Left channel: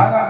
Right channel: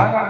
శంకర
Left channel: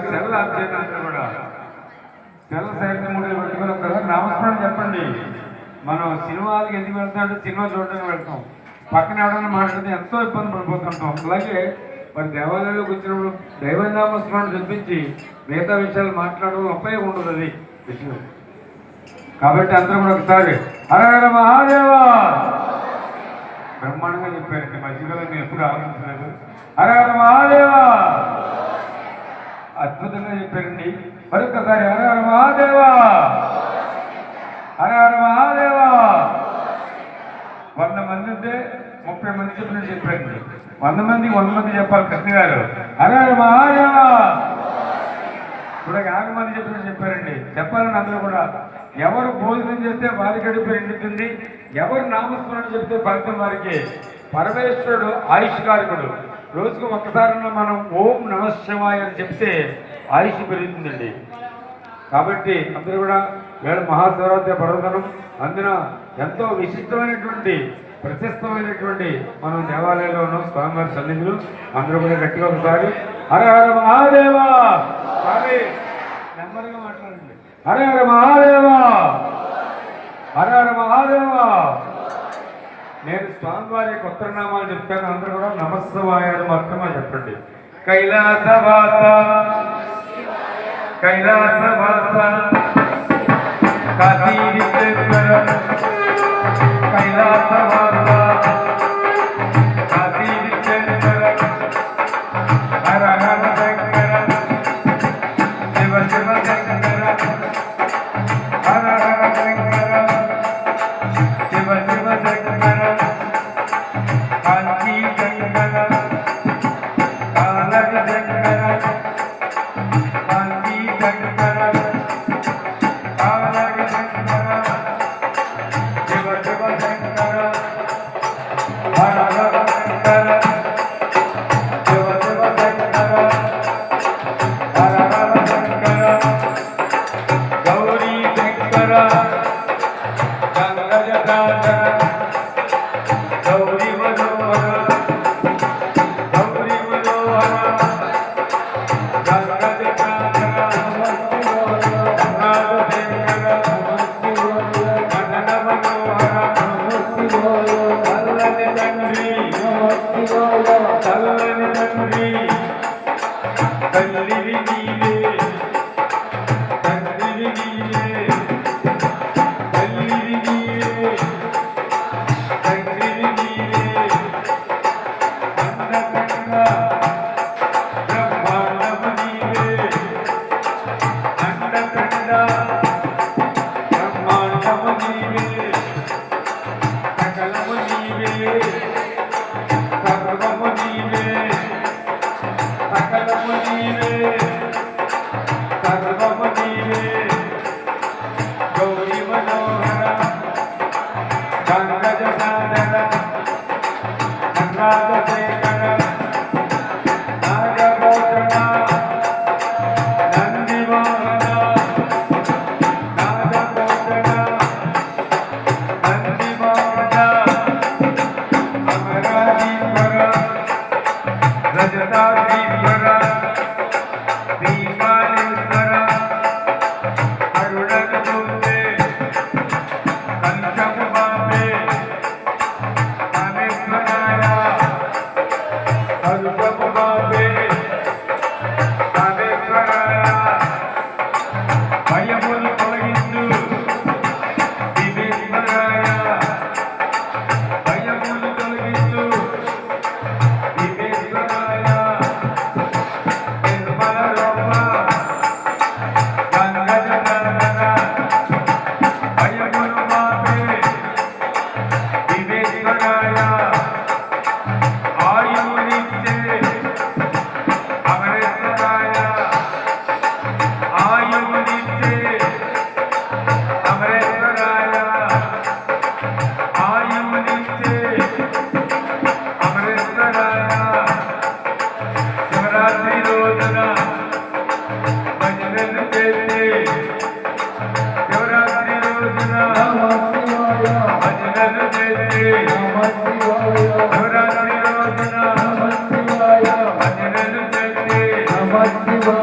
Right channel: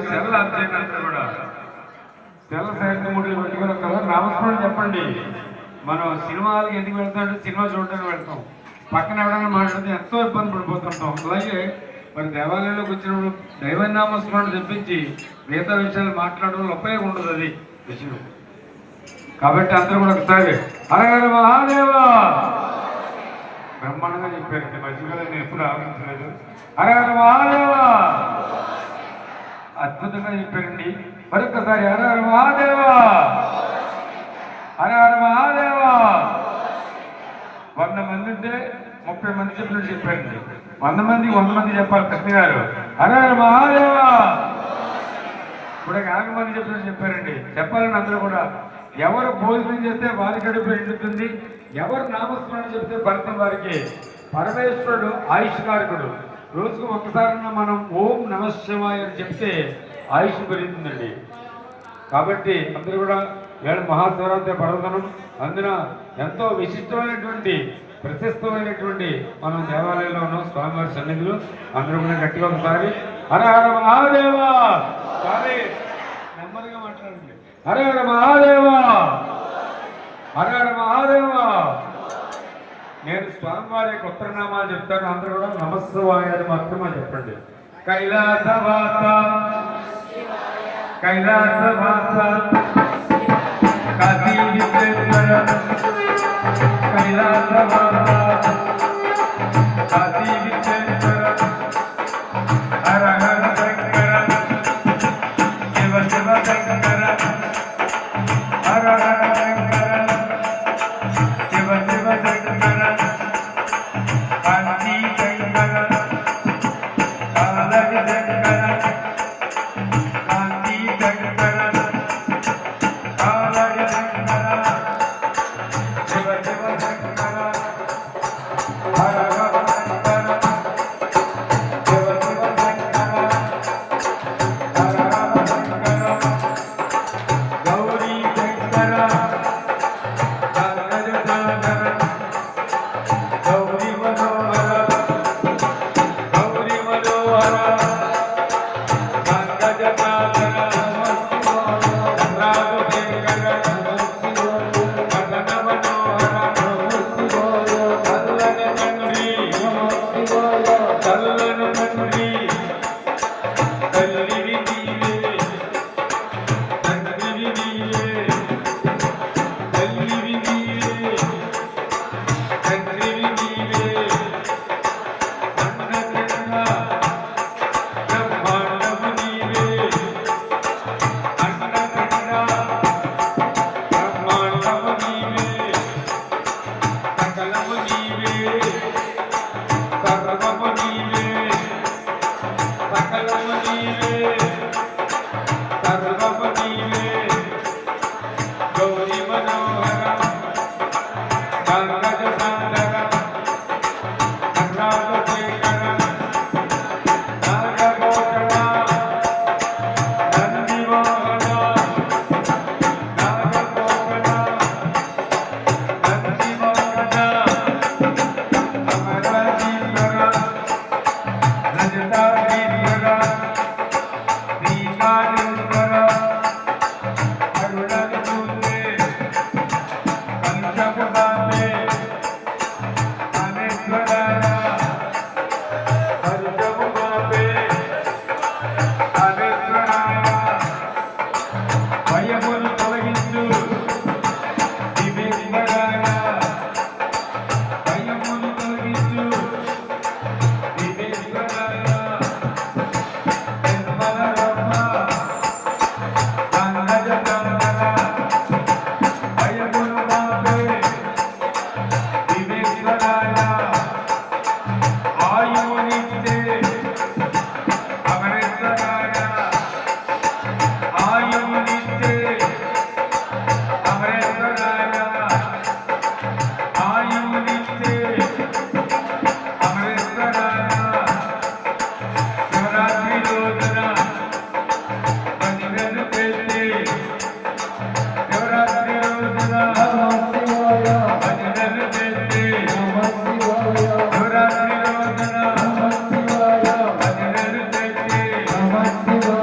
ఏమిటి కాసేపు సెల్ అంతేనా కూడా సెల్ సైకిల్ ముడి పెట్టుకుని కదా చెప్పండి. మనం సినిమాలకు ఎందుకు వెళ్తామంటే సినిమా చూడడానికి వెళ్తాం. పక్కన ఎవడన్నా మాట్లాడితే ఎంతో ఇబ్బంది పడిపోతుంటాం. అలాగే మరి దేవాలయంలోకి వచ్చినప్పుడు దైవనామస్మరణ తెప్పించి మిగతా విషయాలు మాట్లాడడం ఉపయోగం ఉండదు అది. విషయం. కాబట్టి అందరూ కూడా ఒకసారి హరహర మహాదేవా! బ్రహ్మాండంగా చెప్పారు మధ్యకాలం నేను ఎప్పుడు ఆలోచించలేదు. హరహర హర మహాదేవా! అద్భుతంగా చెప్పారండి మరొకసారి హర మహాదేవా. హర మహాదేవా. వంద మంది ఉంటే ముప్పై మంది చెప్పినట్టు చెప్పండి. వంద మందికి వంద మంది చెప్పాలి కృష్ణ గారు. హర మహాదేవా. ఇప్పుడు యాభై మంది చెప్పినట్టు చెప్పారండి. చెప్పాలని అందరూ కూడా ఎవరు భోజనం చేస్తే వారి గడుపు ఎండుతుంది ఎవరు నామస్మరణ చెప్తే ఫలితం వారికి. పరమేశ్వరుడు ఆయుష్కారకుడు. రోజుకు ఒక్కసారి మనం ఓం నమ శివాయ అని చెప్తే ఆయుష్ పెరుగుతుందండి. కాబట్టి అందరూ కూడా వేళ మహాశివరాత్రి పర్వదనం అందున ఎంతో విశిష్టమైనటువంటి ప్రశస్తమైనటువంటి మనం దేవాలయంలో ఉన్నాం స్వామివారి సన్నిధులు అందరూ కూడా గట్టిగా ఒకసారి హర హర మహాదేవా! సారీ నెమ్మదిగా మాట్లాడండి. హర హర మహాదేవా! హర హర మహాదేవా! నేను స్వామివారి యొక్క ఉత్తరనామాలు చెప్తాను అందరూ కూడా నమస్వాయ మాత్రమే చెప్పండి. కైలాసవాత कैलासवासा काशी कैलासवासा Señor.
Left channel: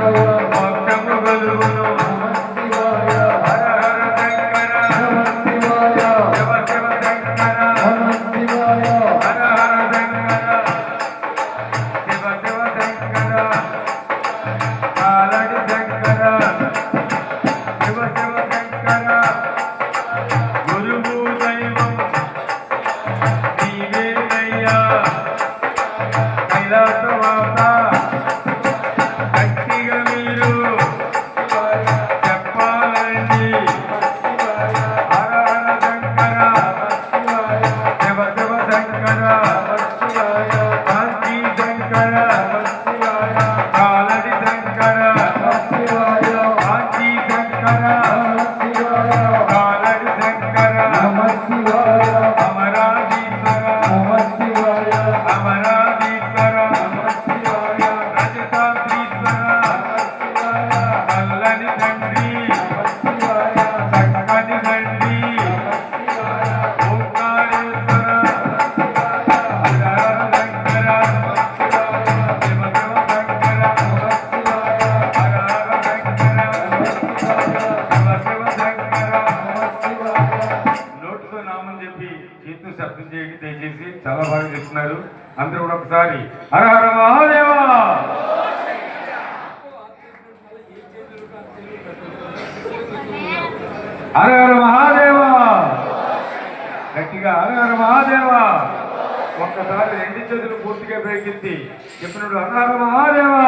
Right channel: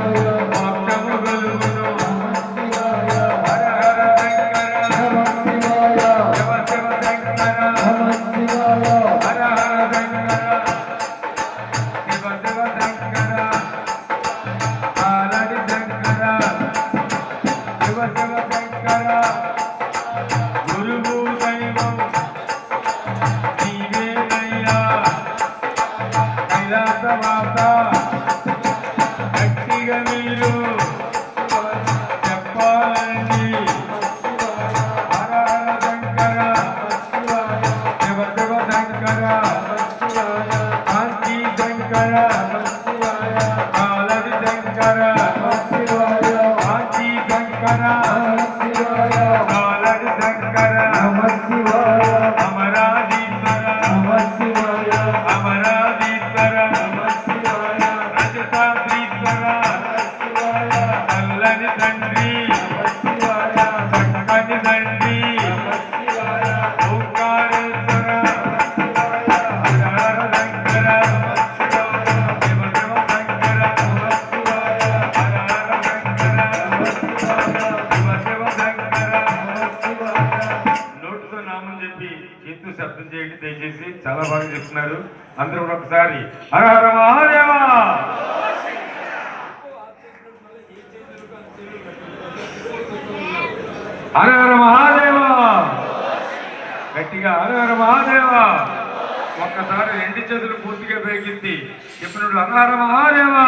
చేస్తున్నారు. అందరూ కూడా ఒకసారి హరహర మహాదేవా! హరహర మహాదేవా! గట్టిగా హరహర మహాదేవా! ఒక్కసారి రెండు చేతులు పూర్తిగా పైకెత్తి చెప్పినప్పుడు హరహర మహాదేవా!